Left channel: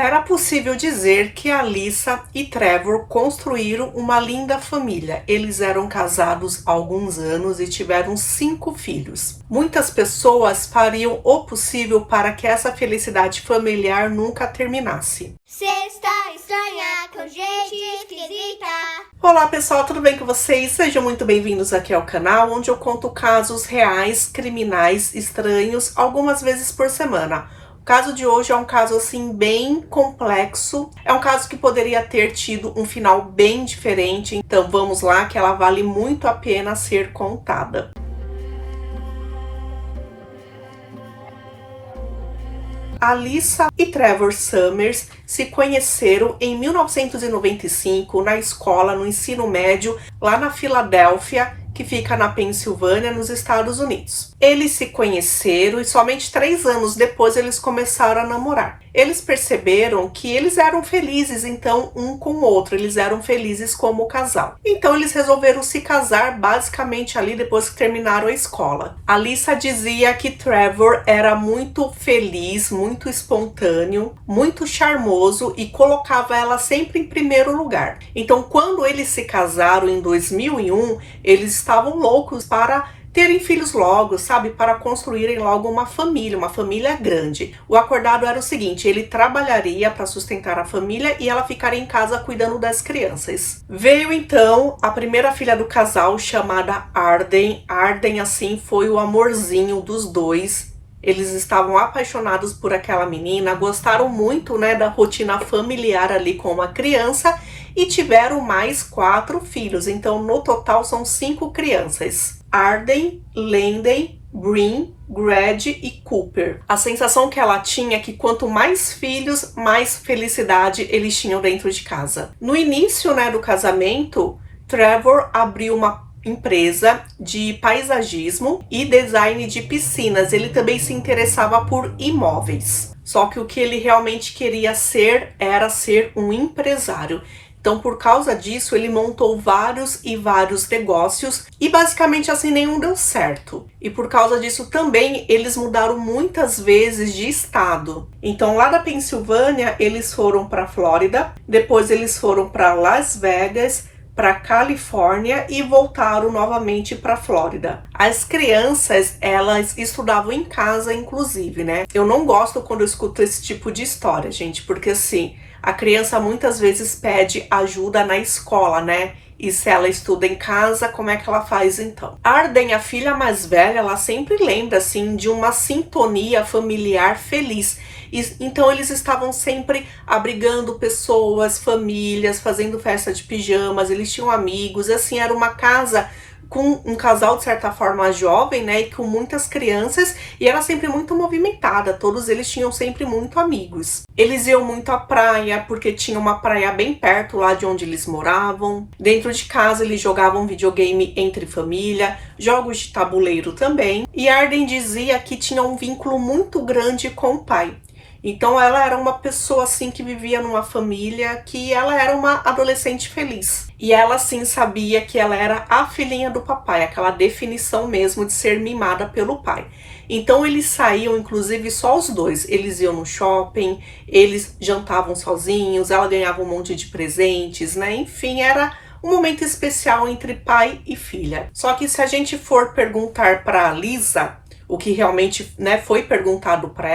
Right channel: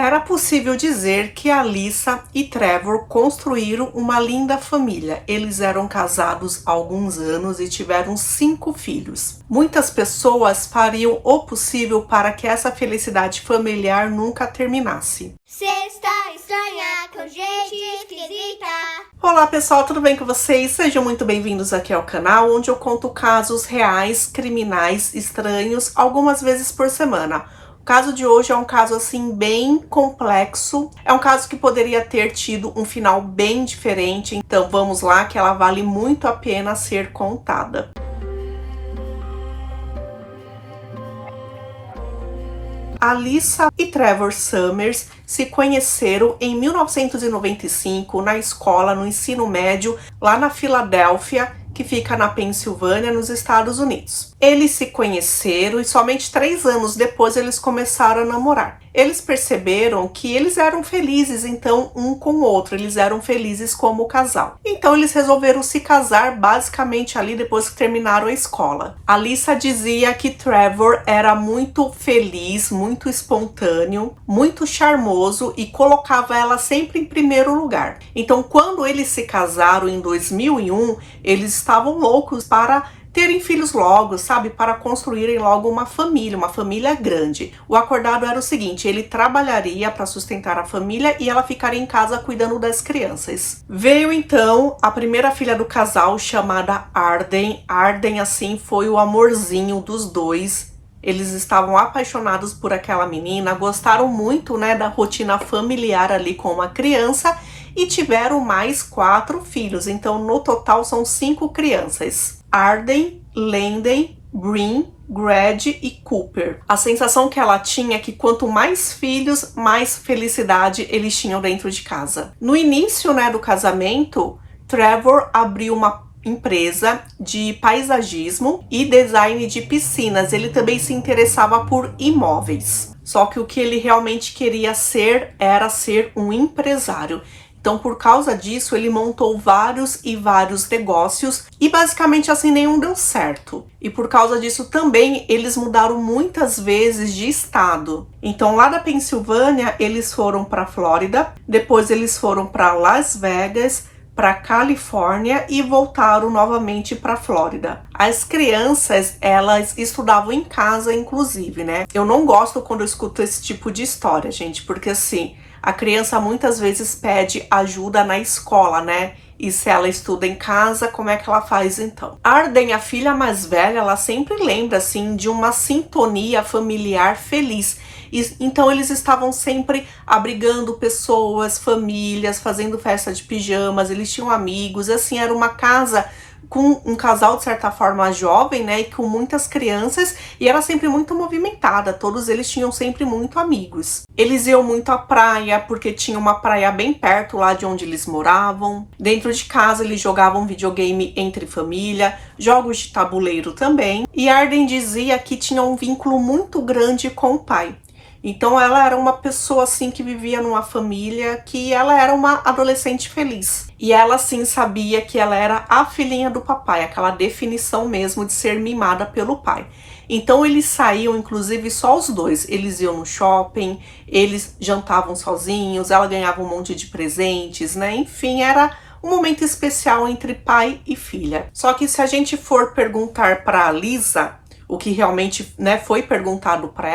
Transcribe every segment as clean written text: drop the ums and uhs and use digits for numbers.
Era possível dizer que Alyssa e Trevor construíram uma linda família. Eles eram casados há alguns anos e tiveram 5 filhos. Muitas pessoas fariam o possível para que essa felicidade familiar nunca terminasse. Sexta estranha com gente esquisita. Olá pessoal, tudo bem com vocês? Sejam muito bem-vindos aqui ao canal, onde eu conto casos reais, criminais, estranhos, algumas vezes por semana. O caso de hoje é um caso assim bem complexo, é um caso que poderia ter tido um final bem diferente, então vamos lá que ela vale muito a pena ser contada. Alyssa e Trevor Summers se conheceram em 1995 na escola no ensino médio lá na Filadélfia, que fica na Pensilvânia, nos Estados Unidos. Eles se conheceram e somente 3 anos depois eles começaram a namorar. Eles perceberam que eles eram felizes, então, um com o outro. Eles eram felizes como casal. Então, eles resolveram se casar basicamente ali depois que terminaram a escola. Alyssa dizia que Trevor era muito feliz, muito espontâneo, muito charmoso e colocava ela sempre em primeiro lugar. Então, quando eles se casaram em 2001, eles estavam loucos para terem filhos logo, sabe? Para construírem logo uma família grande. O acordado era o seguinte, ele trabalharia para sustentar a família e ela ficaria em casa cuidando das crianças. Veio então a primeira filha do casal, chamada Arden. Arden, assim, foi o amorzinho dos dois. Eles estavam apaixonados por aquela menina, gostaram muito, né, da rotina familiar ali com uma criança e tiveram mais 4 filhos. Então, no total, são 5 crianças. Arden, Landon, Bryn, Greg e Cooper. A sensação que ela tinha é que quanto mais filhos, mais felicidade eles tinham dentro de casa. No início, né, do casamento, Trevor abriu uma empresa de paisagismo e design de piscinas. Ele também se interessava por imóveis. Só que o que ele realmente queria ser era ser um empresário. Então, por causa disso, ele montou vários negócios e basicamente assim nenhum deu certo. E por causa disso também, eles mudaram muitas vezes de estado. Então, lá da Pensilvânia, eles foram para Flórida, depois eles foram para Las Vegas, para Califórnia e voltaram novamente para Flórida. As crianças, elas estudavam em casa, inclusive, né? Eu não gosto quando eu escuto esse tipo de história, gente, porque assim, a criança muitas vezes pede ajuda na escola, né? E se ela estuda em casa, como é que ela faz então? Arden, a filha mais velha, ela sempre lembra assim de uma sintonia familiar feliz. Então eles estavam sempre abrigando pessoas, famílias, fazendo festa de pijamas, eles tinham amigos, assim, era uma casa com um casal de certa forma jovem, né, e com muitas crianças, e era sempre muito movimentada, todos eles tinham sempre muito amigos. Eles iam muito à praia, porque tinha uma praia bem perto lá de onde eles moravam. Dentro de casa eles jogavam videogame entre família, jogos de tabuleiro também, e Arden dizia que tinha um vínculo muito grande com o pai. Então ela era uma pessoa assim que vivia numa família, que ela era uma adolescente feliz. E ela sim sabia que ela era a filhinha do papai, aquela definição mesmo de ser mimada pelo pai. Então eles saíam, inclusive só os dois, eles iam no shopping, eles jantavam sozinhos, ela ganhava um monte de presentes, né? Enfim, era um momento especial entre pai e filha. Só que se a gente for perguntar para a Lisa, o que realmente, né, foi perguntado para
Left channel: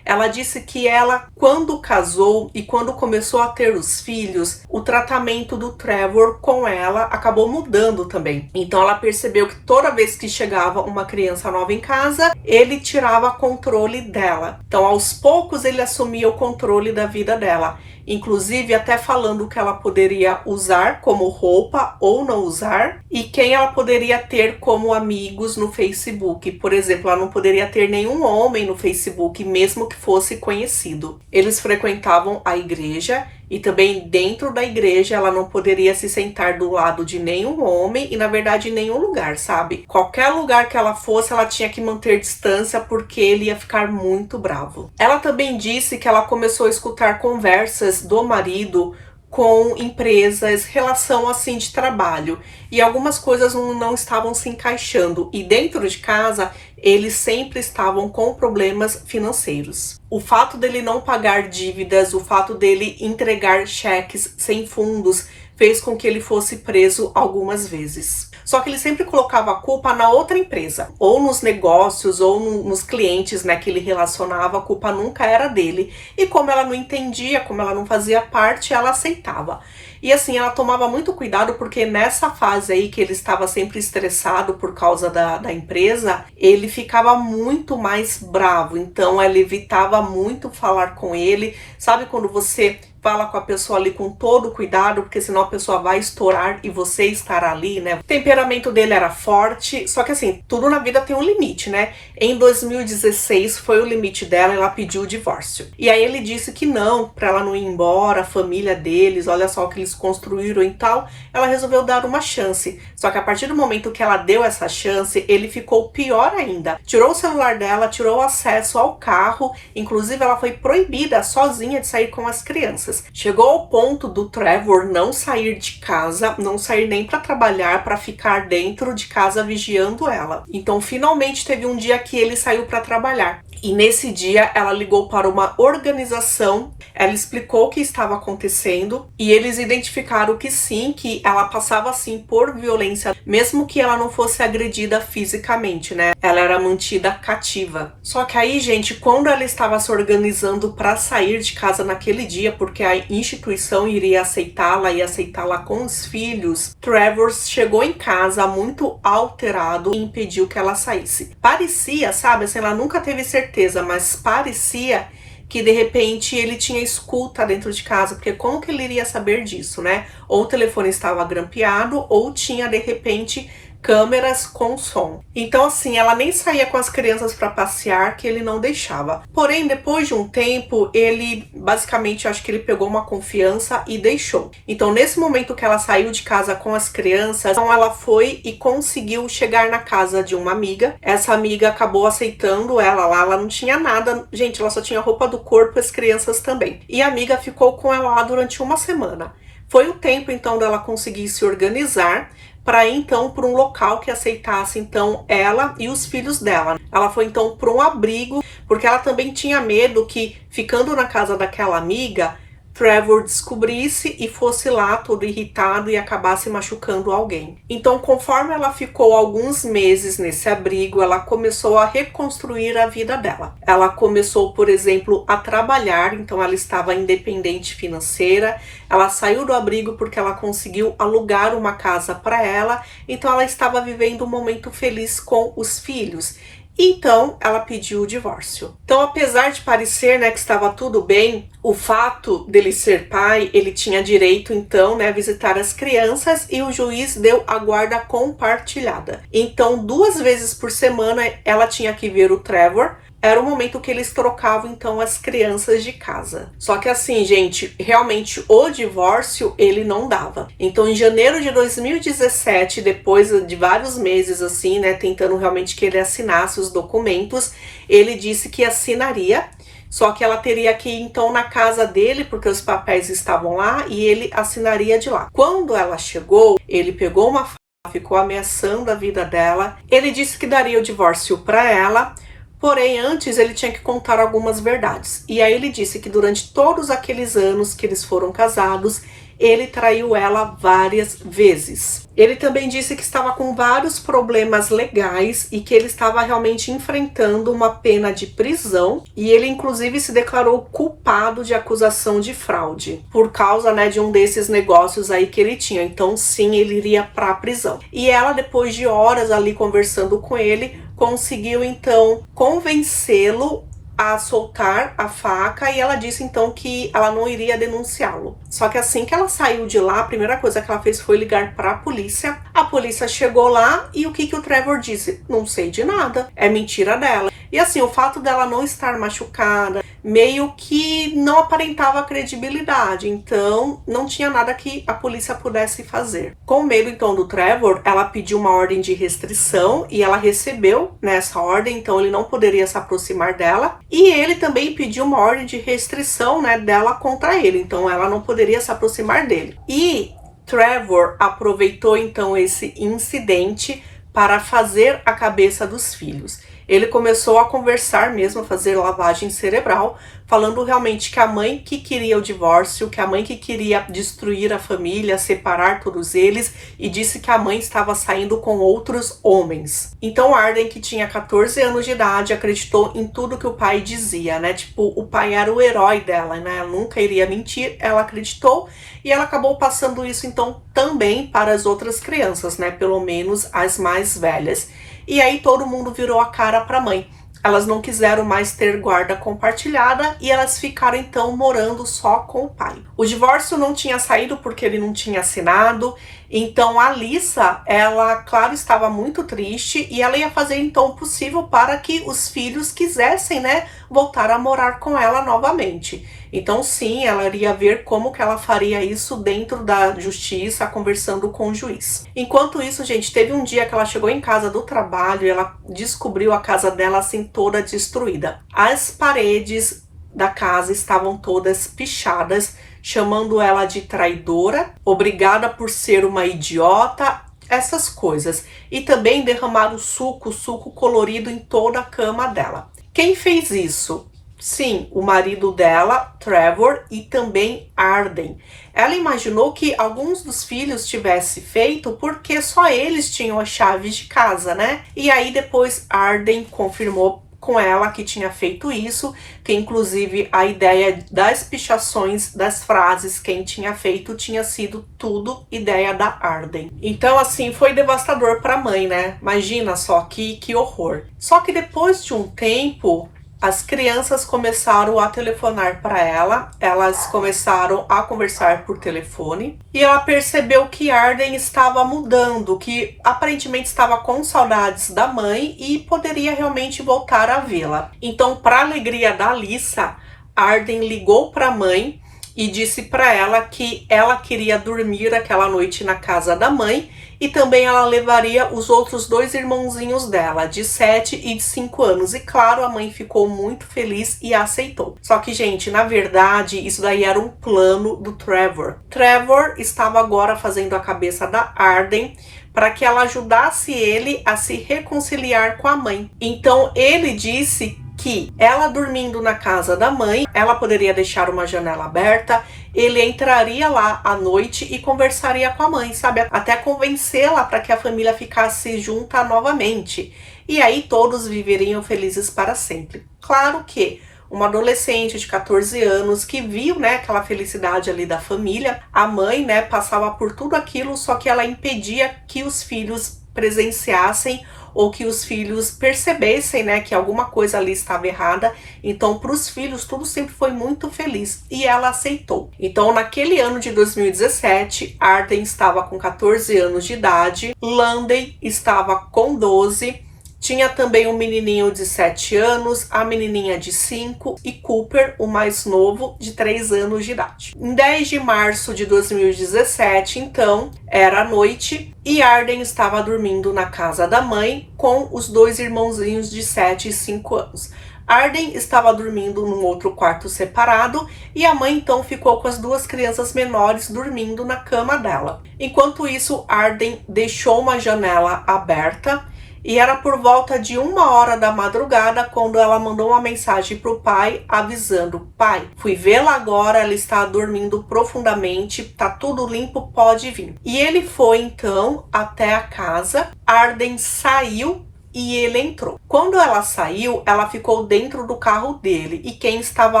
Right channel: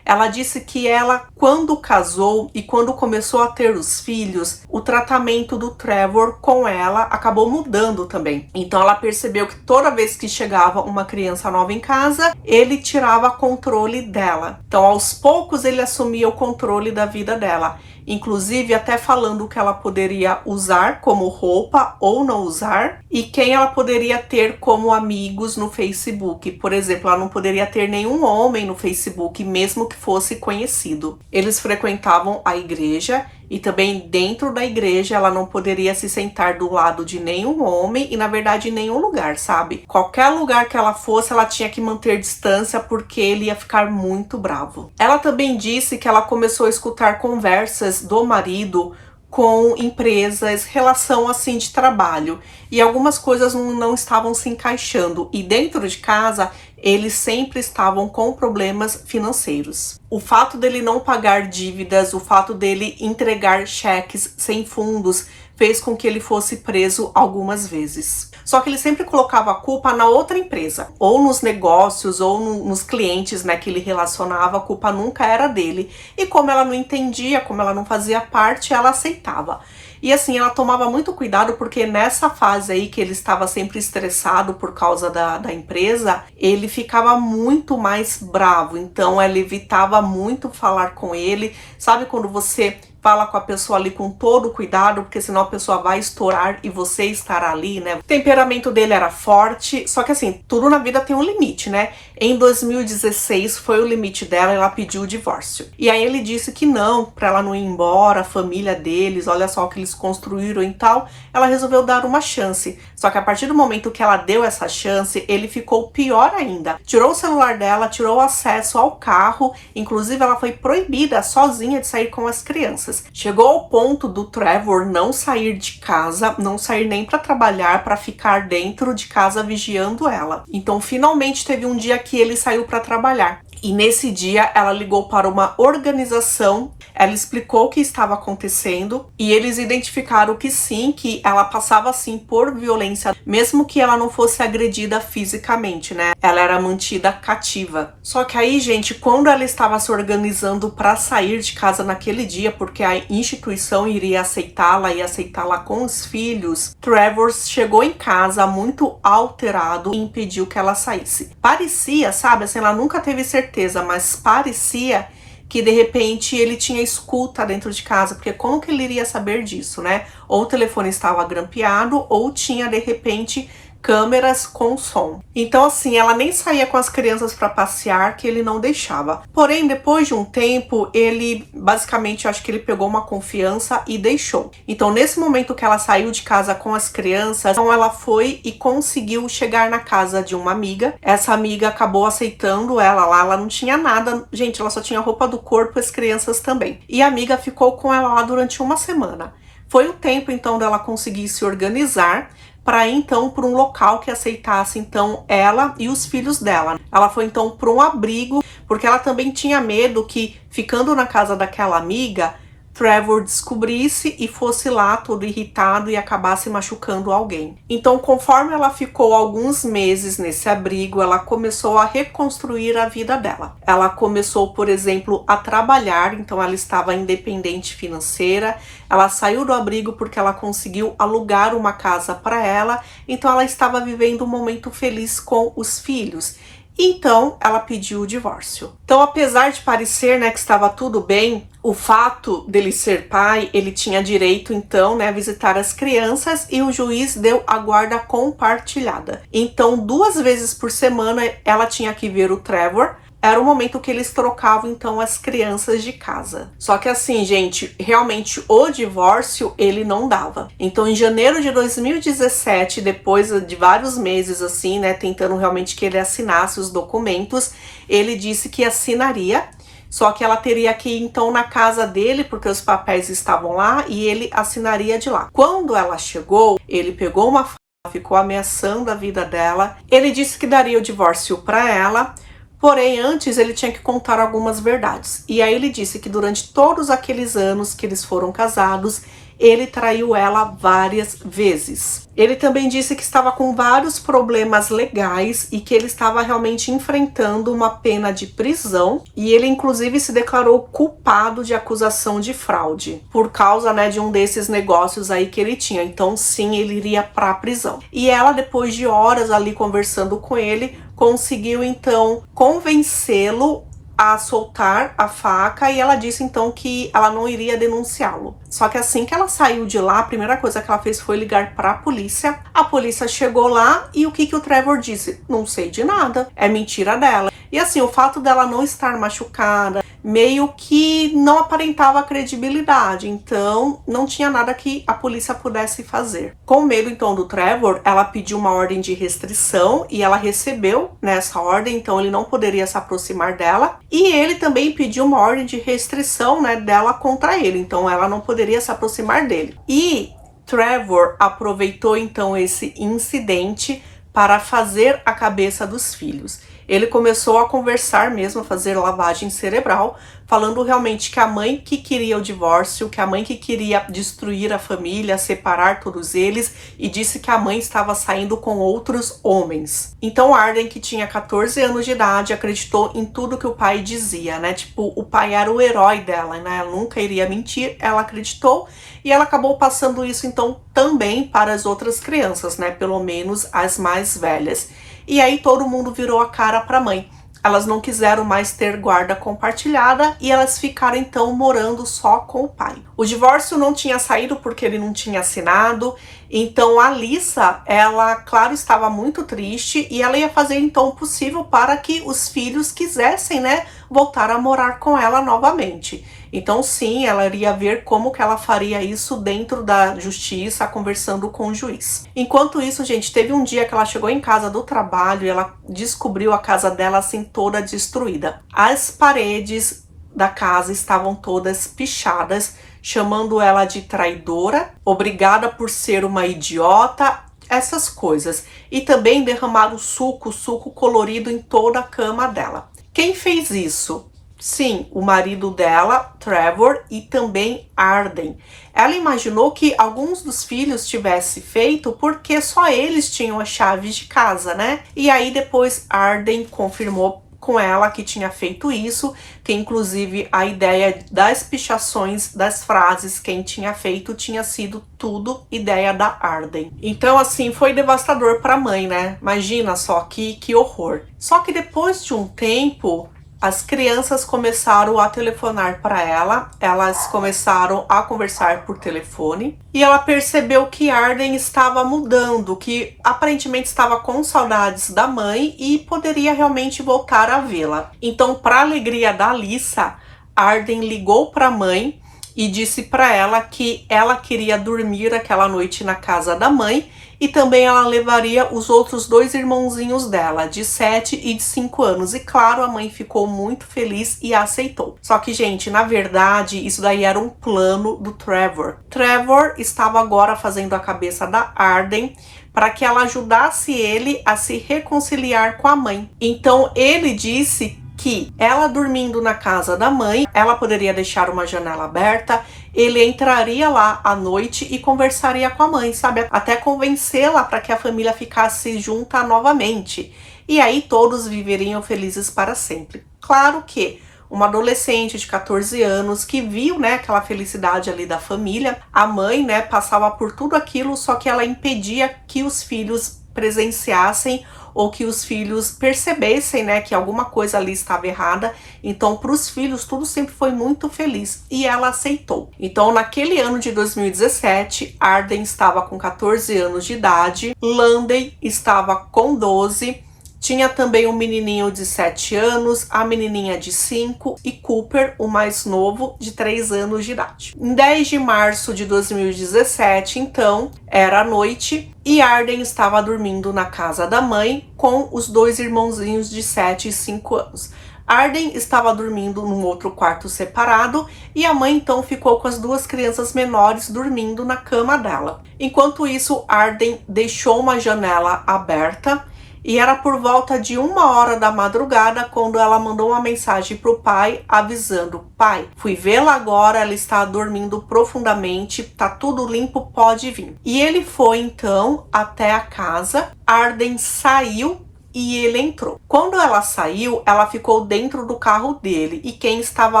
ela disse que ela, quando casou e quando começou a ter os filhos, o tratamento do Trevor com ela acabou mudando também. Então ela percebeu que toda vez que chegava uma criança nova em casa, ele tirava controle dela. Então aos poucos ele assumia o controle da vida dela. Inclusive até falando o que ela poderia usar como roupa ou não usar e quem ela poderia ter como amigos no Facebook. Por exemplo, ela não poderia ter nenhum homem no Facebook, mesmo que fosse conhecido. Eles frequentavam a igreja e também dentro da igreja ela não poderia se sentar do lado de nenhum homem e na verdade em nenhum lugar, sabe? Qualquer lugar que ela fosse, ela tinha que manter distância porque ele ia ficar muito bravo. Ela também disse que ela começou a escutar conversas do marido com empresas, relação assim de trabalho. E algumas coisas não estavam se encaixando. E dentro de casa, eles sempre estavam com problemas financeiros. O fato dele não pagar dívidas, o fato dele entregar cheques sem fundos, fez com que ele fosse preso algumas vezes. Só que ele sempre colocava a culpa na outra empresa, ou nos negócios, ou nos clientes, né, que ele relacionava, a culpa nunca era dele. E como ela não entendia, como ela não fazia parte, ela aceitava. E assim, ela tomava muito cuidado porque nessa fase aí que ele estava sempre estressado por causa da empresa, ele ficava muito mais bravo. Então ela evitava muito falar com ele. Sabe quando você fala com a pessoa ali com todo cuidado, porque senão a pessoa vai estourar e você estará ali, né? O temperamento dele era forte, só que assim, tudo na vida tem um limite, né? Em 2016 foi o limite dela, ela pediu o divórcio. E aí ele disse que não, pra ela não ir embora, a família deles, olha só o que eles construíram e tal, ela resolveu dar uma chance. Só que a partir do momento que ela deu essa chance, ele ficou pior ainda. Tirou o celular dela, tirou o acesso ao carro, inclusive ela foi proibida sozinha de sair com as crianças. Chegou ao ponto do Trevor não sair de casa, não sair nem para trabalhar, para ficar dentro de casa vigiando ela. Então, finalmente teve um dia que ele saiu para trabalhar. E nesse dia ela ligou para uma organização, ela explicou o que estava acontecendo e eles identificaram que sim, que ela passava sim por violência, mesmo que ela não fosse agredida fisicamente, né? Ela era mantida cativa. Só que aí, gente, quando ela estava se organizando para sair de casa naquele dia, porque a instituição iria aceitá-la e aceitá-la com os filhos, Trevor chegou em casa muito alterado e impediu que ela saísse. Parecia, sabe, assim, ela nunca teve certeza, mas parecia que de repente ele tinha escuta dentro de casa, porque como que ele iria saber disso, né? Ou o telefone estava grampeado, ou tinha de repente câmeras com som. Então assim, ela nem saía com as crianças para passear, que ele não deixava. Porém, depois de um tempo, ele basicamente, acho que ele pegou uma confiança e deixou. Então nesse momento que ela saiu de casa com as crianças, então ela foi e conseguiu chegar na casa de uma amiga. Essa amiga acabou aceitando ela lá, ela não tinha nada, gente, ela só tinha roupa do corpo, as crianças também. E a amiga ficou com ela lá durante uma semana. Foi o tempo então dela conseguir se organizar para ir então para um local que aceitasse então ela e os filhos dela. Ela foi então para um abrigo, porque ela também tinha medo que, ficando na casa daquela amiga, Trevor descobrisse e fosse lá todo irritado e acabasse machucando alguém. Então, conforme ela ficou alguns meses nesse abrigo, ela começou a reconstruir a vida dela. Ela começou, por exemplo, a trabalhar, então ela estava independente financeira. Ela saiu do abrigo porque ela conseguiu alugar uma casa para ela, então ela estava vivendo um momento feliz com os filhos. Então, ela pediu o divórcio. Então, apesar de parecer, né, que estava tudo bem, o fato dele ser pai, ele tinha direito, então, né, a visitar as crianças e o juiz deu a guarda compartilhada. Então, 2 vezes por semana, ela tinha que ver o Trevor. Era o momento que eles trocavam, então, as crianças de casa. Só que assim, gente, realmente o divórcio, ele não dava. Então, em janeiro de 2017, depois de vários meses, assim, né, tentando realmente que ele assinasse os documentos, ele disse que assinaria, só que ela teria que ir, então, na casa dele, porque os papéis estavam lá, e ele assinaria de lá. Quando ela chegou, ele pegou uma faca, ficou ameaçando a vida dela. Ele disse que daria o divórcio para ela, porém, antes ele tinha que contar algumas verdades. E aí ele disse que durante todos aqueles anos que eles foram casados, ele traiu ela várias vezes. Ele também disse que estava com vários problemas legais e que ele estava realmente enfrentando uma pena de prisão. E ele, inclusive, se declarou culpado de acusação de fraude por causa, né, de um desses negócios aí que ele tinha. Então, sim, ele iria para a prisão. E ela, depois de horas ali conversando com ele, conseguiu então convencê-lo a soltar a faca, e ela disse então que ela não iria denunciá-lo. Só que assim que ela saiu de lá, a primeira coisa que ela fez foi ligar para a polícia. A polícia chegou lá e o que o Trevor disse? Não sei de nada, é mentira dela. E assim, o fato dela não estar machucada, meio que não aparentava credibilidade, então não tinha nada que a polícia pudesse fazer. Com medo então do Trevor, ela pediu uma ordem de restrição e ela recebeu nessa ordem, então ele não poderia se aproximar dela, e ele também pediu uma ordem de restrição, né, dela contra ele, então ela não poderia se aproximar dele. E Trevor aproveitou então esse incidente para fazer a cabeça dos filhos. Ele começou a conversar mesmo, a fazer lavagem cerebral, falando realmente que a mãe que queria o divórcio, que a mãe que queria destruir a família, separar todos eles, e disse que a mãe estava saindo com outros homens. Então Arden, que tinha 14 anos de idade, acreditou em tudo que o pai dizia, né? Tipo, o pai era o herói dela, né? Ela nunca iria mentir, ela acreditou, e ela acabou passando isso então também para as outras crianças, né? Pelo menos as mais velhas. E aí todo mundo virou a cara para a mãe. Elas não quiseram mais ter guarda compartilhada e elas ficaram então morando só com o pai. O divórcio não tinha saído porque ele não tinha assinado. Então a Alyssa, ela, claro, estava muito triste e ela ia fazer então o possível para que os filhos quisessem, né, voltar a morar com ela novamente. Então sim, ela iria ver como que ela faria isso dentro da justiça, conversando com o juiz. Enquanto isso, gente, teve um dia que ela chegou em casa do trabalho e ela descobriu a casa dela assim toda destruída. As paredes da casa estavam todas pichadas, chamando ela de traidora, obrigada por ser uma idiota, essas coisas. E também derramaram suco colorido em toda a cama dela. Quem fez isso? Sim, o marido dela, Trevor, e também Arden. Ela imaginou que alguns dos filhos tivesse feito porque só eles tinham as chaves de casa, né? E aí depois Arden confirmou com ela que tinha feito isso, que inclusive a ideia das pichações das frases quem tinha feito tinha sido tudo ideia da Arden. Então assim, foi devastador para a mãe, né? Imagina só que horror. Só que depois de um tempo, as crianças começaram a telefonar para ela, elas começaram a conversar por telefone e ela percebeu que Arden estava mudando, que aparentemente estava com saudades da mãe e poderia realmente voltar a vê-la. Então, para alegria da Alyssa, Arden ligou para a mãe e disse para ela que ela queria dormir aquela noite na casa da mãe. E também ela levaria os outros dois irmãozinhos dela, de 7 e de 5 anos. E claro, a mãe ficou muito feliz e aceitou. Só que, gente, na verdade, isso daí era um plano do Trevor. Trevor estava agora fazendo a cabeça da Arden para que ela ajudasse ele a se reconciliar com a mãe. Então, ele disse que ela dormindo na casa da mãe, ela poderia deixar uma janela aberta, ele entraria lá à noite e conversaria com a mãe, sabe? Até convencê-la para que a família ficasse junta novamente. E aí todos viveriam felizes para sempre. Claro que uma adolescente de 14 anos que viu, né, aquela felicidade ali da família, a mãe, né, passava por tudo aquilo, só que ela impedia que os filhos presenciassem ou que os filhos percebessem, né, que alguma coisa ali estava errada. Então, para os filhos, tudo sempre foi muito feliz e ela aceitou. Então, naquele ano de 2017, Arden estava com 14 anos de idade, Landen estava com 12, tinha também um menininho de 7 anos, a menininha de 5 e Cooper, o mais novo, de 3 anos de idade. Em 10 de março de 2017, então, era noite e Arden estava dormindo na casa da mãe com os dois irmãozinhos de 7 e 5 anos. Arden estava dormindo num outro quarto separado e a mãe então ficou com as duas crianças menores dormindo na cama dela. Enquanto isso, Arden deixou uma janela aberta e era por volta de 1h da madrugada quando ela mandou uma mensagem para o pai avisando: pai, fui vê-la agora, ela está dormindo profundamente, tá tudo limpo, pode vir. E ele foi então até a casa, Arden saiu e ele entrou. Quando ela saiu, ela ficou dentro do carro dele e quem estava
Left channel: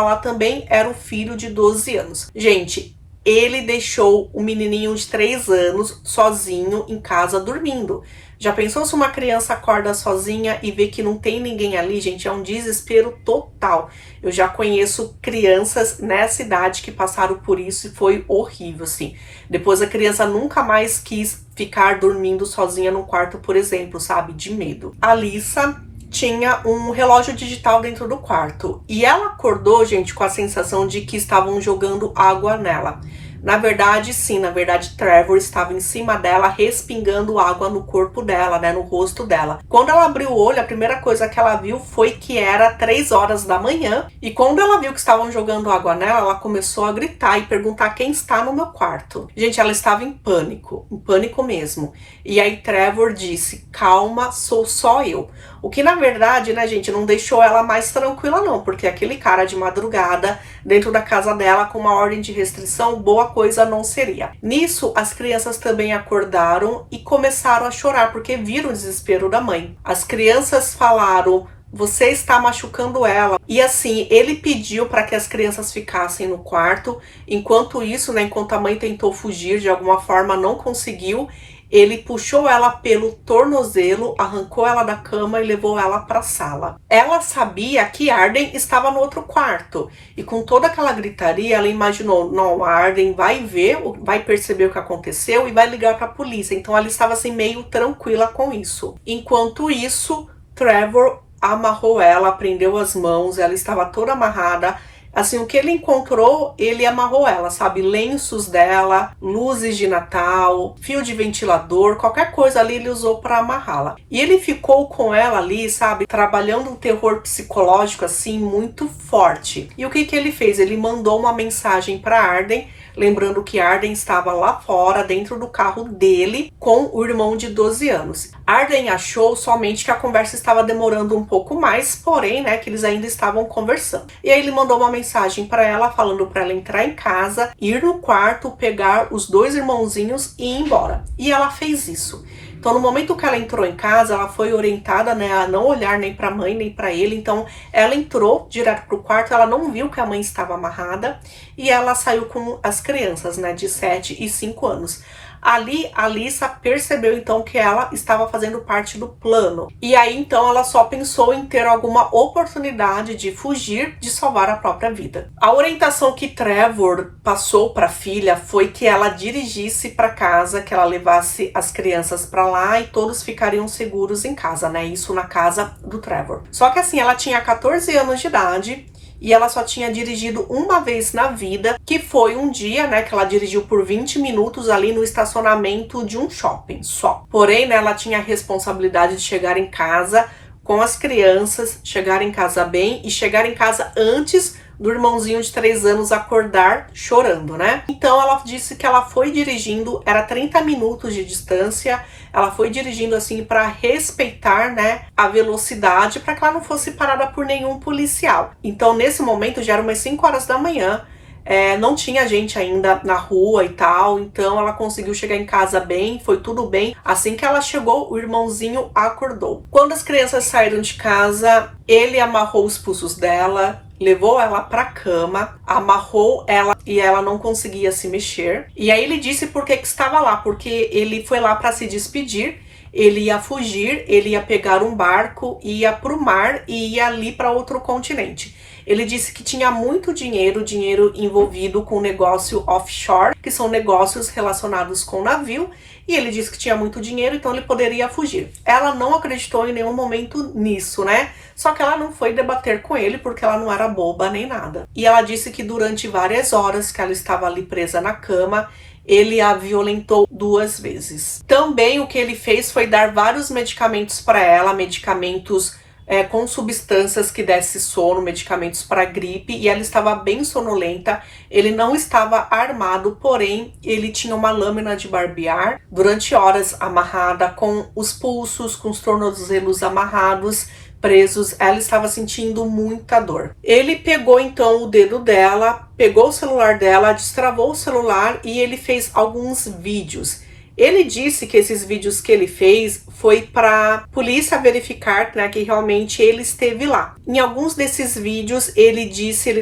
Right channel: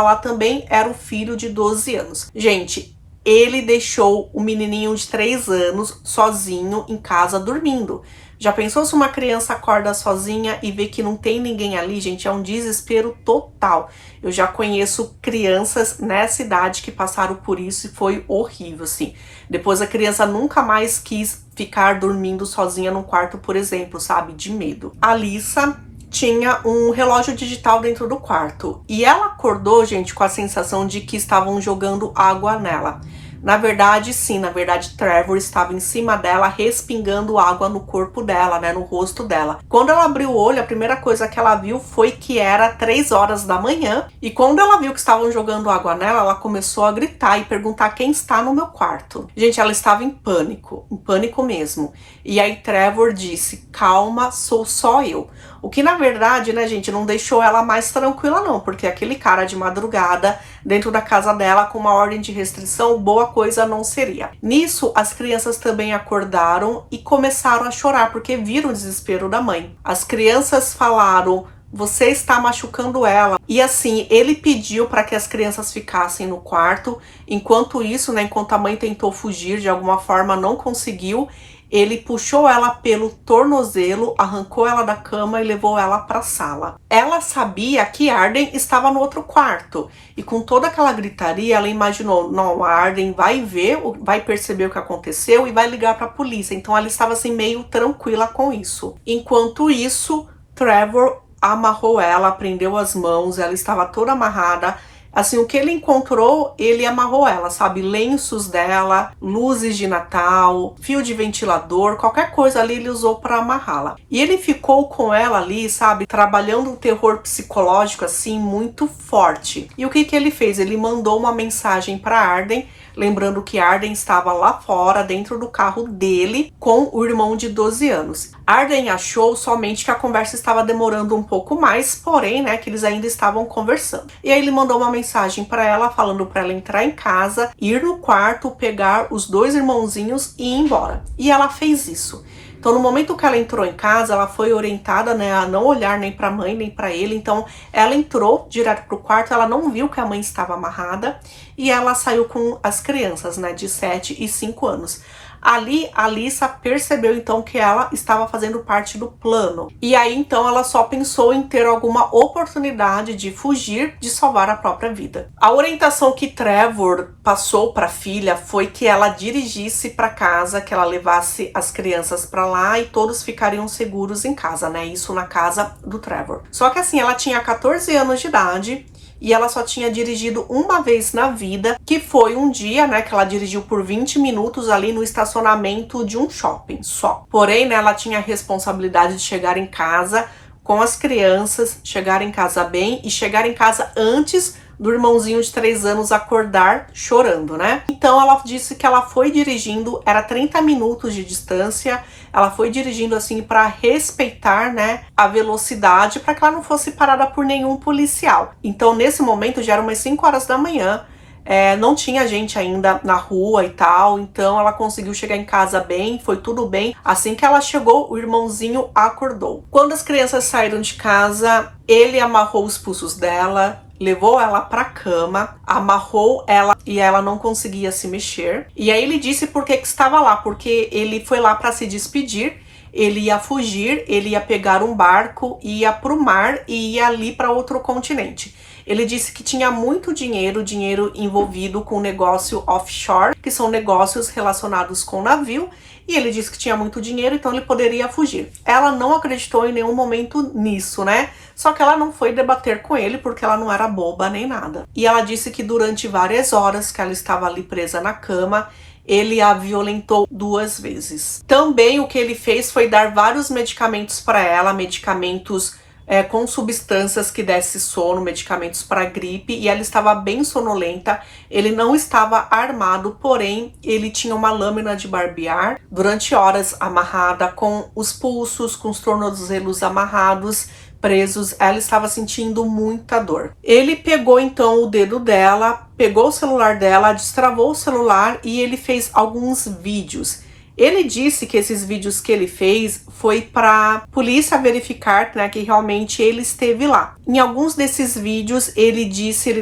lá também era o filho de 12 anos. Gente, ele deixou o menininho de 3 anos sozinho em casa dormindo. Já pensou se uma criança acorda sozinha e vê que não tem ninguém ali, gente? É um desespero total. Eu já conheço crianças nessa idade que passaram por isso e foi horrível, assim. Depois a criança nunca mais quis ficar dormindo sozinha num quarto, por exemplo, sabe? De medo. A Alyssa tinha um relógio digital dentro do quarto. E ela acordou, gente, com a sensação de que estavam jogando água nela. Na verdade, sim, Trevor estava em cima dela, respingando água no corpo dela, né, no rosto dela. Quando ela abriu o olho, a primeira coisa que ela viu foi que era 3 horas da manhã. E quando ela viu que estavam jogando água nela, ela começou a gritar e perguntar quem está no meu quarto. Gente, ela estava em pânico mesmo. E aí Trevor disse, calma, sou só eu. O que na verdade, né, gente, não deixou ela mais tranquila não, porque aquele cara de madrugada dentro da casa dela com uma ordem de restrição, boa coisa não seria. Nisso, as crianças também acordaram e começaram a chorar, porque viram o desespero da mãe. As crianças falaram, você está machucando ela. E assim, ele pediu para que as crianças ficassem no quarto. Enquanto isso, né, enquanto a mãe tentou fugir, de alguma forma não conseguiu, ele puxou ela pelo tornozelo, arrancou ela da cama e levou ela para a sala. Ela sabia que Arden estava no outro quarto. E com toda aquela gritaria, ela imaginou, não, a Arden vai ver, vai perceber o que aconteceu e vai ligar para a polícia. Então ela estava assim meio tranquila com isso. Enquanto isso, Trevor amarrou ela, prendeu as mãos, ela estava toda amarrada. Assim, o que ele encontrou, ele amarrou ela, sabe? Lenços dela, luzes de Natal, fio de ventilador, qualquer coisa ali ele usou para amarrá-la. E ele ficou com ela ali, sabe? Trabalhando um terror psicológico, assim, muito forte. E o que ele fez? Ele mandou uma mensagem para Arden, lembrando que Arden estava lá fora, dentro do carro dele, com o irmão de 12 anos. Arden achou somente que a conversa estava demorando um pouco mais, porém, né, que eles ainda estavam conversando. E aí ele mandou uma mensagem para ela, falando para ela entrar em casa, ir no quarto, pegar os 2 irmãozinhos e ir embora. E ela fez isso. Então, no momento que ela entrou em casa, ela foi orientada, né, a não olhar nem para a mãe, nem para ele. Então, ela entrou direto pro quarto, ela não viu que a mãe estava amarrada e ela saiu com as crianças, né, de 7 e 5 anos. Ali, a Alyssa percebeu, então, que ela estava fazendo parte do plano. E aí, então, ela só pensou em ter alguma oportunidade de fugir, de salvar a própria vida. A orientação que Trevor passou para a filha foi que ela dirigisse para casa, que ela levasse as crianças para lá e todos ficariam seguros em casa, né? Isso na casa do Trevor. Só que assim, ela tinha 14 anos de idade, e ela só tinha dirigido uma vez na vida, que foi um dia, né, que ela dirigiu por 20 minutos ali no estacionamento de um shopping só. Porém, né, ela tinha a responsabilidade de chegar em casa com as crianças, chegar em casa bem e chegar em casa antes do irmãozinho de 3 anos acordar chorando, né? Então ela disse que ela foi dirigindo, era 30 minutos de distância, ela foi dirigindo assim para respeitar, né, a velocidade, para que ela não fosse parada por nenhum policial. Então nesse momento já era umas 5 horas da manhã, não tinha gente ainda na rua e tal, então ela conseguiu chegar em casa bem, foi tudo bem. Assim que ela chegou, o irmãozinho acordou. Quando as crianças saíram de casa, ele amarrou os pulsos dela, levou ela pra cama, amarrou ela e ela não conseguia se mexer. E aí ele disse por que estava lá, porque ele foi lá para se despedir, ele ia fugir, ele ia pegar um barco, ia pro mar e ia ali para outro continente. Ele disse que tinha muito dinheiro envolvido com negócio offshore, que são negócios relacionados com navio, e ele disse que tinha muito dinheiro, então ele poderia fugir. Ela não acreditou em nenhum momento nisso, né? Só que ela não foi debater com ele, porque ela não era boba nem nada. E ela disse que durante várias horas que ela estava ali presa na cama, ele a violentou 2 vezes. Também o que ele fez foi dar vários medicamentos para ela, medicamentos com substâncias que desse sono, medicamentos para gripe, e ela estava bem sonolenta. Ele não estava armado, porém ele tinha uma lâmina de barbear durante horas amarrada, com os pulsos, com os tornozelos amarrados, presos. Ela estava sentindo muita dor. Ele pegou então o dedo dela, pegou o celular dela, destravou o celular e ele fez alguns vídeos. Ele disse que esses vídeos que ele fez foi para polícia verificar, né, que realmente ele esteve lá. Em alguns desses vídeos, ele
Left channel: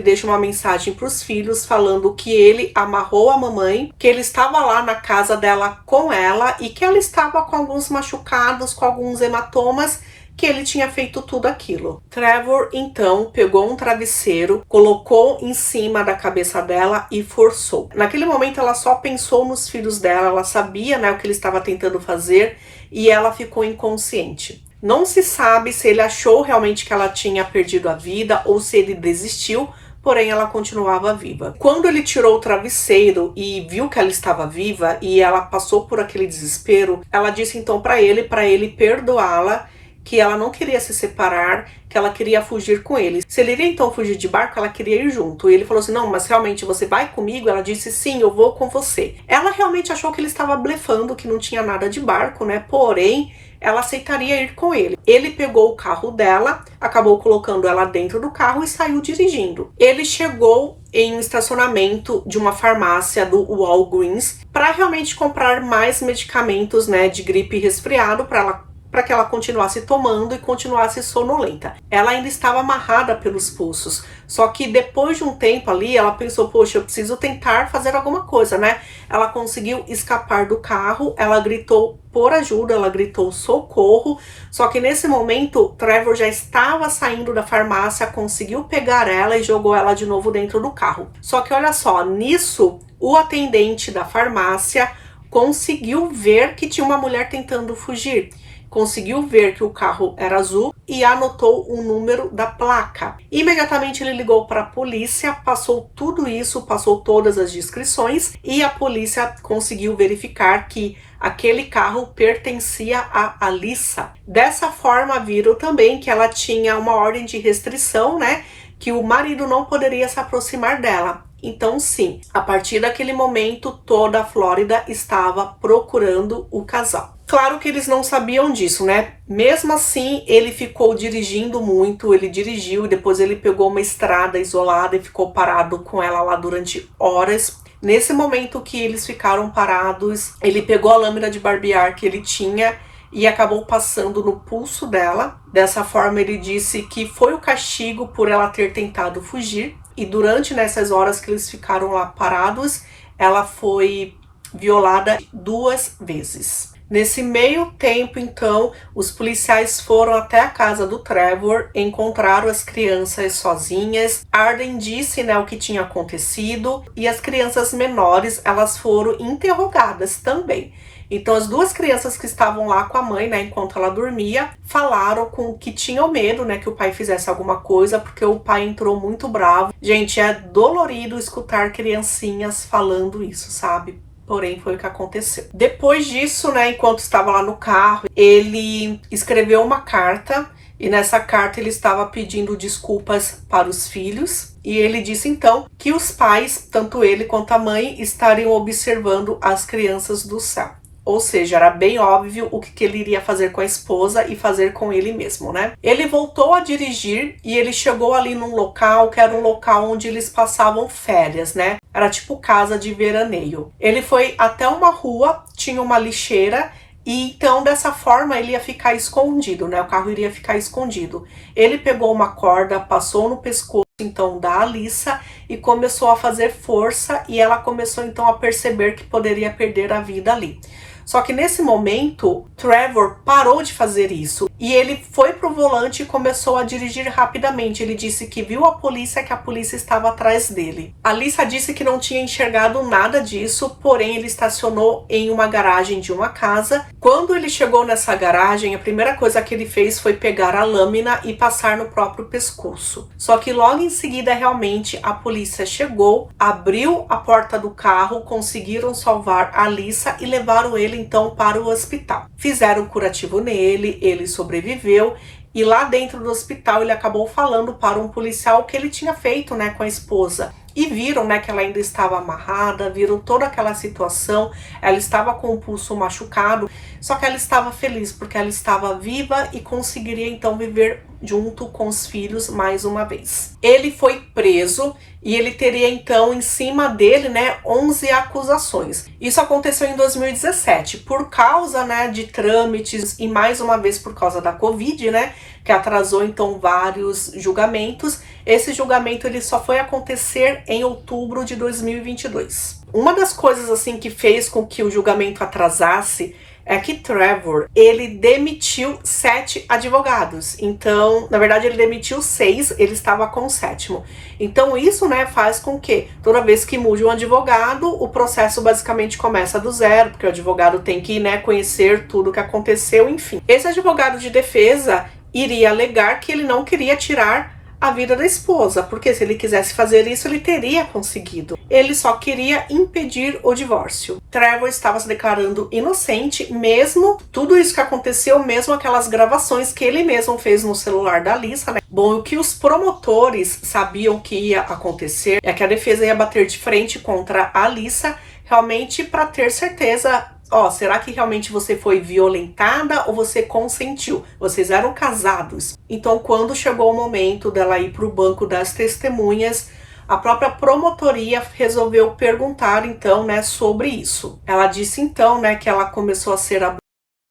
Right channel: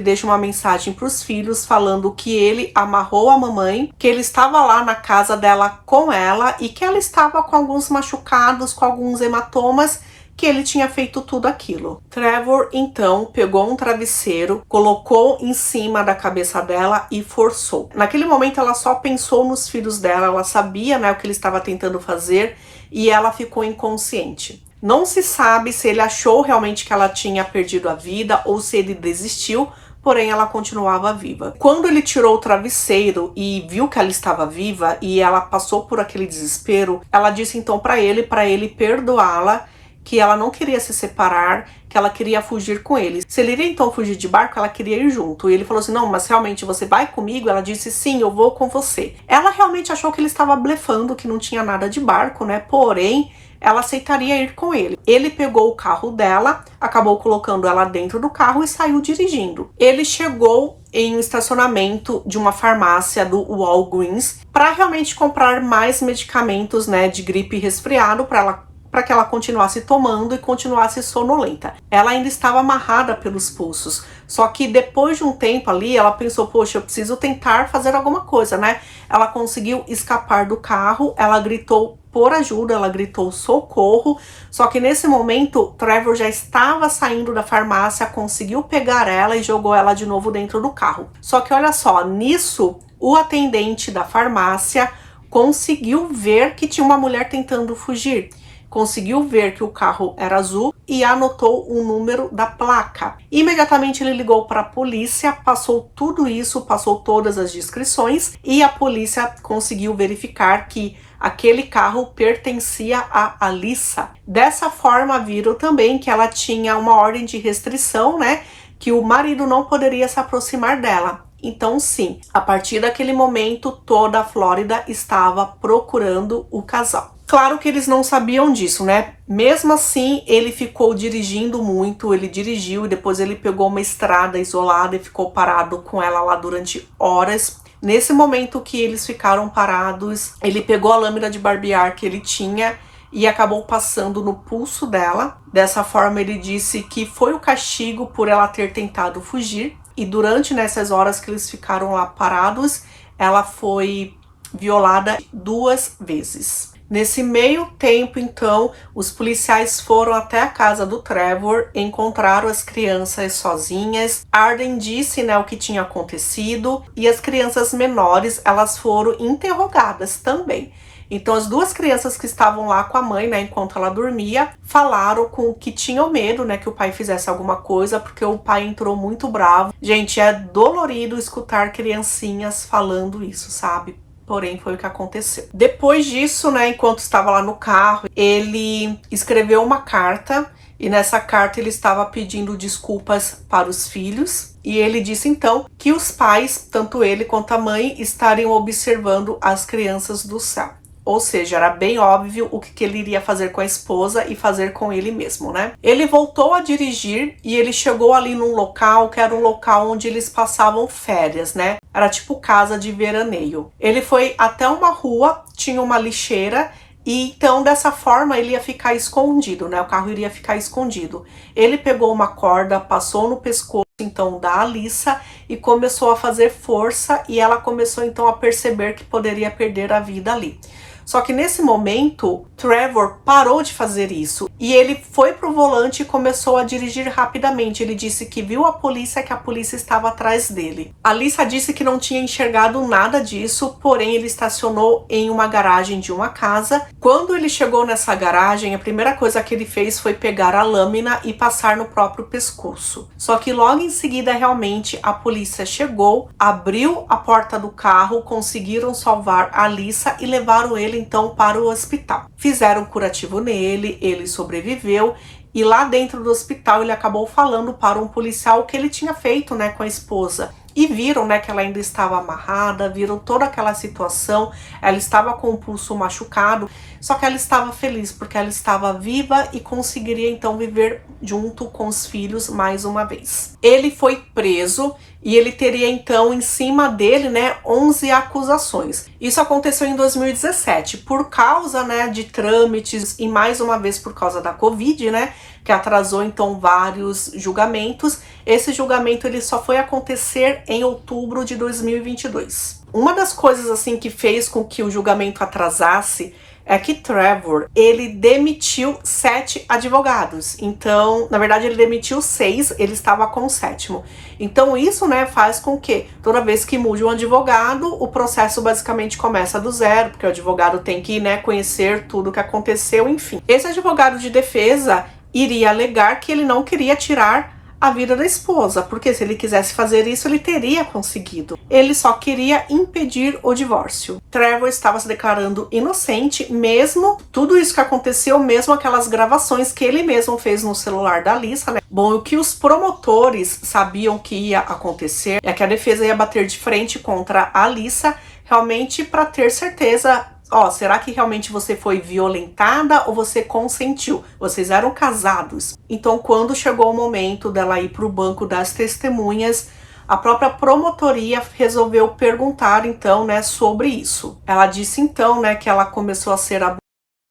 deixa uma mensagem para os filhos falando que ele amarrou a mamãe, que ele estava lá na casa dela com ela e que ela estava com alguns machucados, com alguns hematomas, que ele tinha feito tudo aquilo. Trevor, então, pegou um travesseiro, colocou em cima da cabeça dela e forçou. Naquele momento, ela só pensou nos filhos dela, ela sabia, né, o que ele estava tentando fazer, e ela ficou inconsciente. Não se sabe se ele achou realmente que ela tinha perdido a vida ou se ele desistiu, porém ela continuava viva. Quando ele tirou o travesseiro e viu que ela estava viva e ela passou por aquele desespero, ela disse então para ele perdoá-la, que ela não queria se separar, que ela queria fugir com ele. Se ele iria então fugir de barco, ela queria ir junto. E ele falou assim, não, mas realmente você vai comigo? Ela disse, sim, eu vou com você. Ela realmente achou que ele estava blefando, que não tinha nada de barco, né? Porém, ela aceitaria ir com ele. Ele pegou o carro dela, acabou colocando ela dentro do carro e saiu dirigindo. Ele chegou em um estacionamento de uma farmácia do Walgreens para realmente comprar mais medicamentos, né, de gripe e resfriado para que ela continuasse tomando e continuasse sonolenta. Ela ainda estava amarrada pelos pulsos, só que depois de um tempo ali, ela pensou, poxa, eu preciso tentar fazer alguma coisa, né? Ela conseguiu escapar do carro, ela gritou por ajuda, ela gritou socorro, só que nesse momento, Trevor já estava saindo da farmácia, conseguiu pegar ela e jogou ela de novo dentro do carro. Só que olha só, nisso, o atendente da farmácia conseguiu ver que tinha uma mulher tentando fugir. Conseguiu ver que o carro era azul e anotou o número da placa. Imediatamente ele ligou para a polícia, passou tudo isso, passou todas as descrições e a polícia conseguiu verificar que aquele carro pertencia a Alyssa. Dessa forma, viram também que ela tinha uma ordem de restrição, né? Que o marido não poderia se aproximar dela. Então, sim, a partir daquele momento, toda a Flórida estava procurando o casal. Claro que eles não sabiam disso, né? Mesmo assim, ele ficou dirigindo muito, ele dirigiu e depois ele pegou uma estrada isolada e ficou parado com ela lá durante horas. Nesse momento que eles ficaram parados, ele pegou a lâmina de barbear que ele tinha e acabou passando no pulso dela. Dessa forma, ele disse que foi o castigo por ela ter tentado fugir. E durante nessas horas que eles ficaram lá parados, ela foi violada 2 vezes. Nesse meio tempo, então, os policiais foram até a casa do Trevor, encontraram as crianças sozinhas. Arden disse, né, o que tinha acontecido e as crianças menores, elas foram interrogadas também. Então, as 2 crianças que estavam lá com a mãe, né, enquanto ela dormia, falaram que tinham medo, né, que o pai fizesse alguma coisa, porque o pai entrou muito bravo. Gente, é dolorido escutar criancinhas falando isso, sabe? Porém, foi o que aconteceu. Depois disso, né, enquanto estava lá no carro, ele escreveu uma carta e nessa carta ele estava pedindo desculpas para os filhos. E ele disse então que os pais, tanto ele quanto a mãe, estariam observando as crianças do céu. Ou seja, era bem óbvio o que ele iria fazer com a esposa e fazer com ele mesmo, né? Ele voltou a dirigir e ele chegou ali num local que era um local onde eles passavam férias, né? Era tipo casa de veraneio. Ele foi até uma rua, tinha uma lixeira e então dessa forma ele ia ficar escondido, né? O carro iria ficar escondido. Ele pegou uma corda, passou no pescoço então da Alyssa e começou a fazer força e ela começou então a perceber que poderia perder a vida ali. Só que nesse momento, Trevor parou de fazer isso e ele foi pro volante e começou a dirigir rapidamente. Ele disse que viu a polícia, que a polícia estava atrás dele. A Alyssa disse que não tinha enxergado nada disso, porém ele estacionou em uma garagem de uma casa. Quando ele chegou nessa garagem, a primeira coisa que ele fez foi pegar a lâmina e passar no próprio pescoço. Só que logo em seguida, realmente, a polícia chegou, abriu a porta do carro, conseguiram salvar a Alyssa e levaram ele então para o hospital. Fizeram um curativo nele, ele sobreviveu e lá dentro do hospital ele acabou falando para um policial o que ele tinha feito, né, com a esposa. E viram, né, que ela ainda estava amarrada, viram toda aquela situação, ela estava com o pulso machucado, só que ela estava feliz porque ela estava viva e conseguiria então viver junto com os filhos mais uma vez. Ele foi preso e ele teria então em cima dele, né, 11 acusações. Isso aconteceu em 2017, por causa, né, de trâmites e mais uma vez por causa da Covid, né, que atrasou então vários julgamentos. Esse julgamento ele só foi acontecer em outubro de 2022. Uma das coisas assim que fez com que o julgamento atrasasse é que Trevor, ele demitiu 7 advogados. Então, na verdade, ele demitiu 6, ele estava com o 7º. Então, isso, né, faz com que toda vez que mude um advogado, o processo basicamente começa do zero, porque o advogado tem que, né, conhecer tudo o que aconteceu, enfim. Esse advogado de defesa iria alegar que ele não queria tirar a vida da esposa, porque se ele quisesse fazer isso, ele teria conseguido. Ele só queria impedir o divórcio. Trevor estava se declarando inocente, mesmo tudo isso que aconteceu, mesmo aquelas gravações que ele mesmo fez no celular da Alyssa, né? Bom, o que os promotores sabiam que ia acontecer é que a defesa ia bater de frente contra a Alyssa, realmente para ter certeza. Será que realmente você foi violentada ou você consentiu? Vocês eram casados. Então, quando chegou o momento dela ir para o banco das testemunhas, a própria promotoria resolveu perguntar, então, né, sobre isso. Ela disse, então, né, que ela começou a ser abusada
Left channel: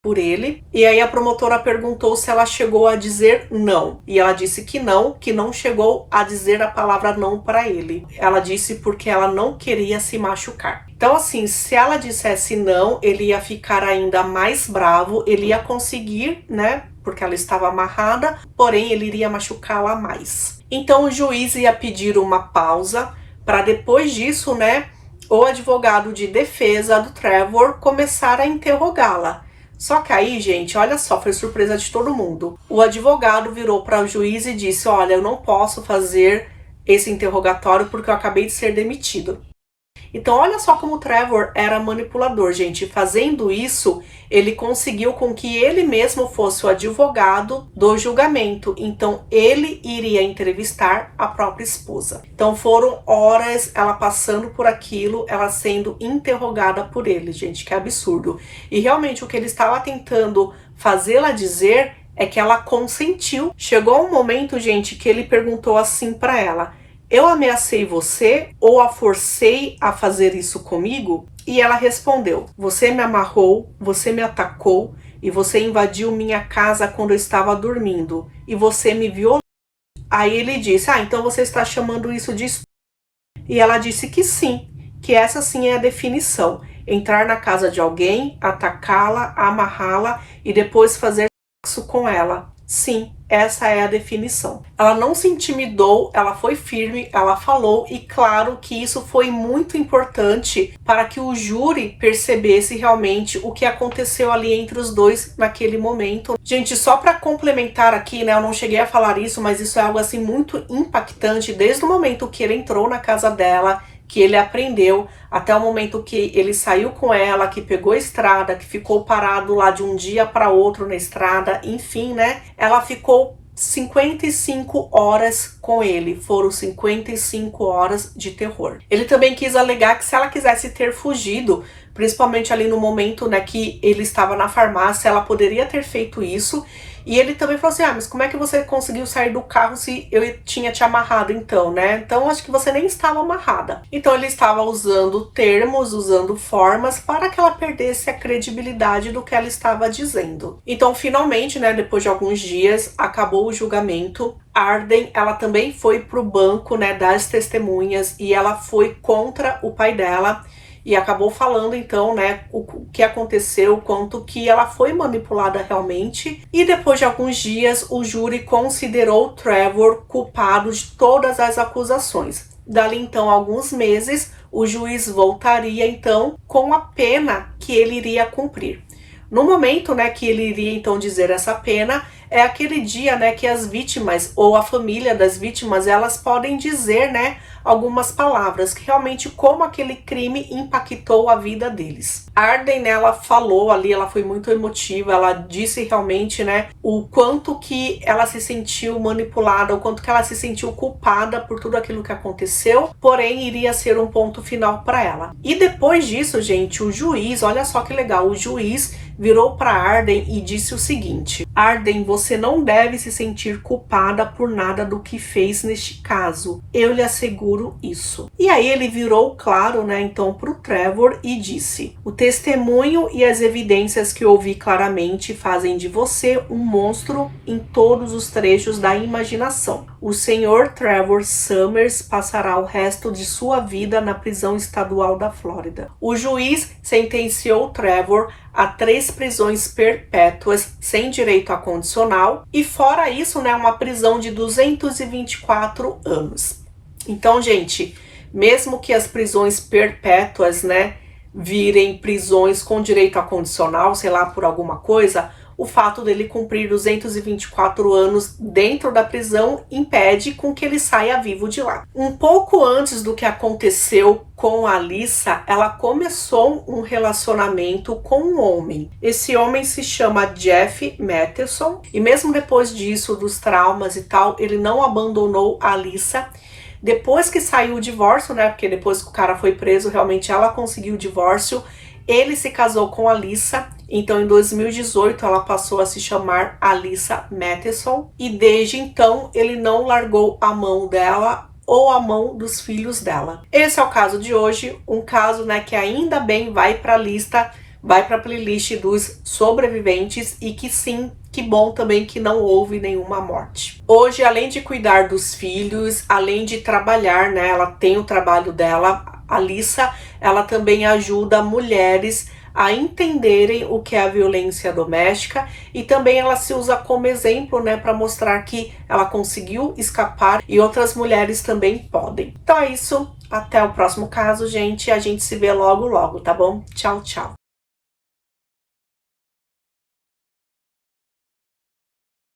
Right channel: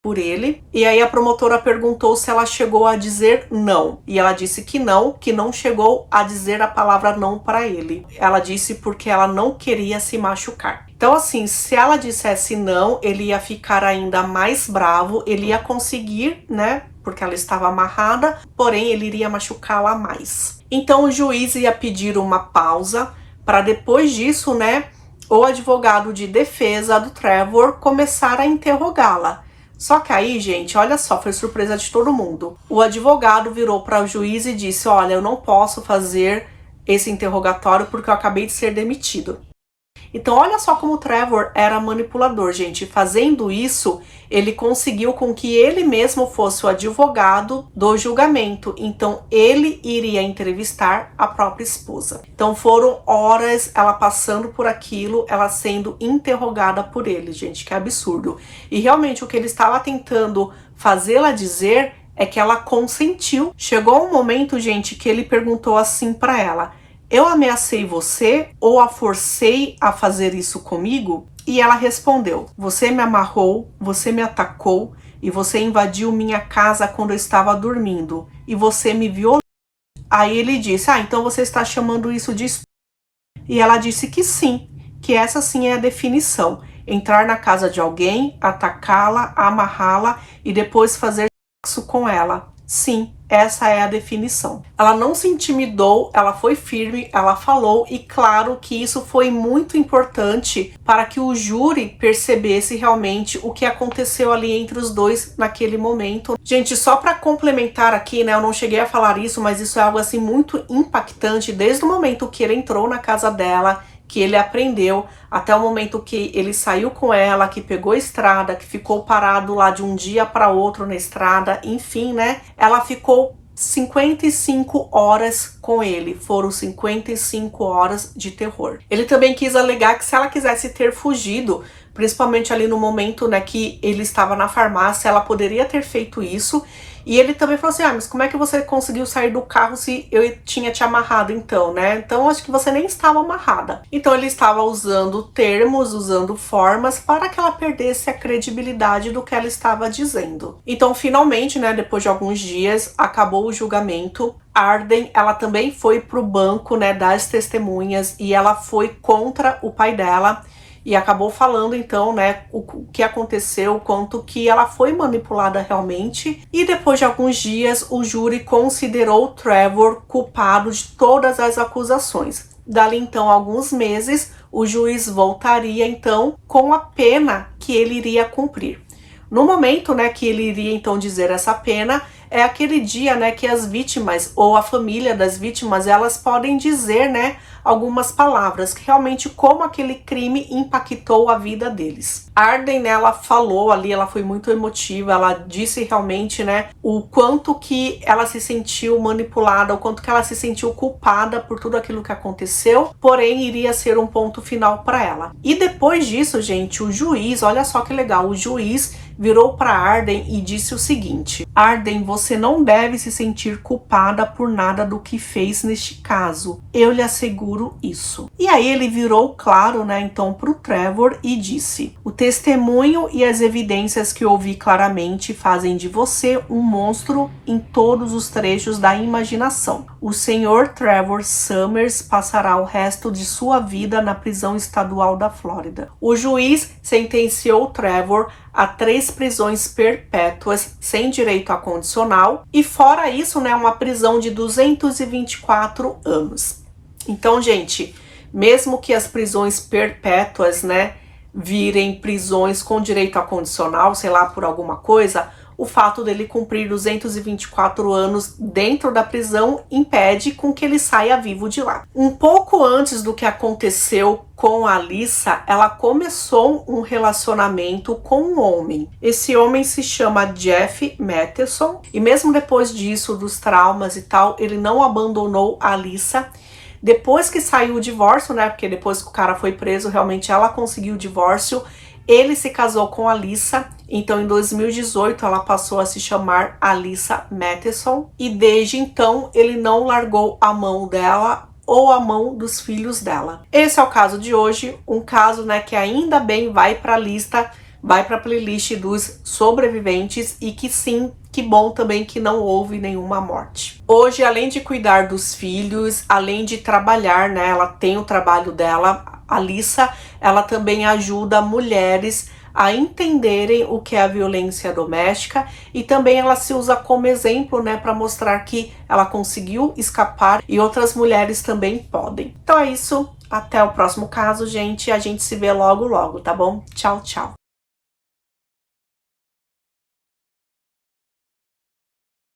por ele. E aí a promotora perguntou se ela chegou a dizer não. E ela disse que não chegou a dizer a palavra não para ele. Ela disse porque ela não queria se machucar. Então, assim, se ela dissesse não, ele ia ficar ainda mais bravo, ele ia conseguir, né, porque ela estava amarrada, porém ele iria machucá-la mais. Então, o juiz ia pedir uma pausa para depois disso, né, o advogado de defesa do Trevor começar a interrogá-la. Só que aí, gente, olha só, foi surpresa de todo mundo. O advogado virou para o juiz e disse, olha, eu não posso fazer esse interrogatório porque eu acabei de ser demitido. Então, olha só como o Trevor era manipulador, gente. Fazendo isso, ele conseguiu com que ele mesmo fosse o advogado do julgamento. Então, ele iria entrevistar a própria esposa. Então, foram horas ela passando por aquilo, ela sendo interrogada por ele, gente. Que absurdo. E realmente, o que ele estava tentando fazê-la dizer é que ela consentiu. Chegou um momento, gente, que ele perguntou assim para ela: eu ameacei você ou a forcei a fazer isso comigo? E ela respondeu: você me amarrou, você me atacou e você invadiu minha casa quando eu estava dormindo e você me violou. Aí ele disse: então você está chamando isso de estupro? E ela disse que sim, que essa sim é a definição: entrar na casa de alguém, atacá-la, amarrá-la e depois fazer sexo com ela. Sim, essa é a definição. Ela não se intimidou, ela foi firme, ela falou, e claro que isso foi muito importante para que o júri percebesse realmente o que aconteceu ali entre os dois naquele momento. Gente, só para complementar aqui, né, eu não cheguei a falar isso, mas isso é algo assim muito impactante desde o momento que ele entrou na casa dela, que ele aprendeu, até o momento que ele saiu com ela, que pegou a estrada, que ficou parado lá de um dia para outro na estrada, enfim, né? Ela ficou 55 horas com ele, foram 55 horas de terror. Ele também quis alegar que se ela quisesse ter fugido, principalmente ali no momento, né, que ele estava na farmácia, ela poderia ter feito isso. E ele também falou assim: mas como é que você conseguiu sair do carro se eu tinha te amarrado então, né? Então acho que você nem estava amarrada. Então ele estava usando termos, usando formas para que ela perdesse a credibilidade do que ela estava dizendo. Então finalmente, né, depois de alguns dias, acabou o julgamento. Arden, ela também foi pro banco, né, das testemunhas e ela foi contra o pai dela. E acabou falando, então, né, o que aconteceu, quanto que ela foi manipulada realmente. E depois de alguns dias, o júri considerou Trevor culpado de todas as acusações. Dali, então, alguns meses, o juiz voltaria, então, com a pena que ele iria cumprir. No momento, né, que ele iria, então, dizer essa pena, é aquele dia, né, que as vítimas ou a família das vítimas, elas podem dizer, né, algumas palavras, que realmente como aquele crime impactou a vida deles. Arden, né, ela falou ali, ela foi muito emotiva, ela disse realmente, né, o quanto que ela se sentiu manipulada, o quanto que ela se sentiu culpada por tudo aquilo que aconteceu, porém iria ser um ponto final para ela. E depois disso, gente, o juiz, olha só que legal, o juiz virou para Arden e disse o seguinte: Arden, você não deve se sentir culpada por nada do que fez neste caso. Eu lhe asseguro isso. E aí ele virou claro, né, então pro Trevor e disse: o testemunho e as evidências que ouvi claramente fazem de você um monstro em todos os trechos da imaginação. O senhor Trevor Summers passará o resto de sua vida na prisão estadual da Flórida. O juiz sentenciou Trevor a 3 prisões perpétuas sem direito a condicional e fora isso, né, uma prisão de 224 anos. Então, gente, mesmo que as prisões perpétuas, né, virem prisões com direito a condicional, sei lá, por alguma coisa, o fato dele cumprir 224 anos dentro da prisão impede com que ele saia vivo de lá. Um pouco antes do que aconteceu com a Alyssa, ela começou um relacionamento com um homem. Esse homem se chama Jeff Matteson e mesmo depois disso, dos traumas e tal, ele não abandonou a Alyssa. Depois que saiu o divórcio, né, porque depois que o cara foi preso, realmente ela conseguiu o divórcio, ele se casou com a Alyssa. Então, em 2018, ela passou a se chamar Alyssa Matteson e desde então ele não largou a mão dela ou a mão dos filhos dela. Esse é o caso de hoje, um caso, né, que ainda bem vai para a lista, vai para a playlist dos sobreviventes e que sim, que bom também que não houve nenhuma morte. Hoje, além de cuidar dos filhos, além de trabalhar, né, ela tem o trabalho dela, a Alyssa, ela também ajuda mulheres a entenderem o que é a violência doméstica e também ela se usa como exemplo, né, para mostrar que ela conseguiu escapar e outras mulheres também podem. Então é isso, até o próximo caso, gente, a gente se vê logo logo, tá bom? Tchau, tchau!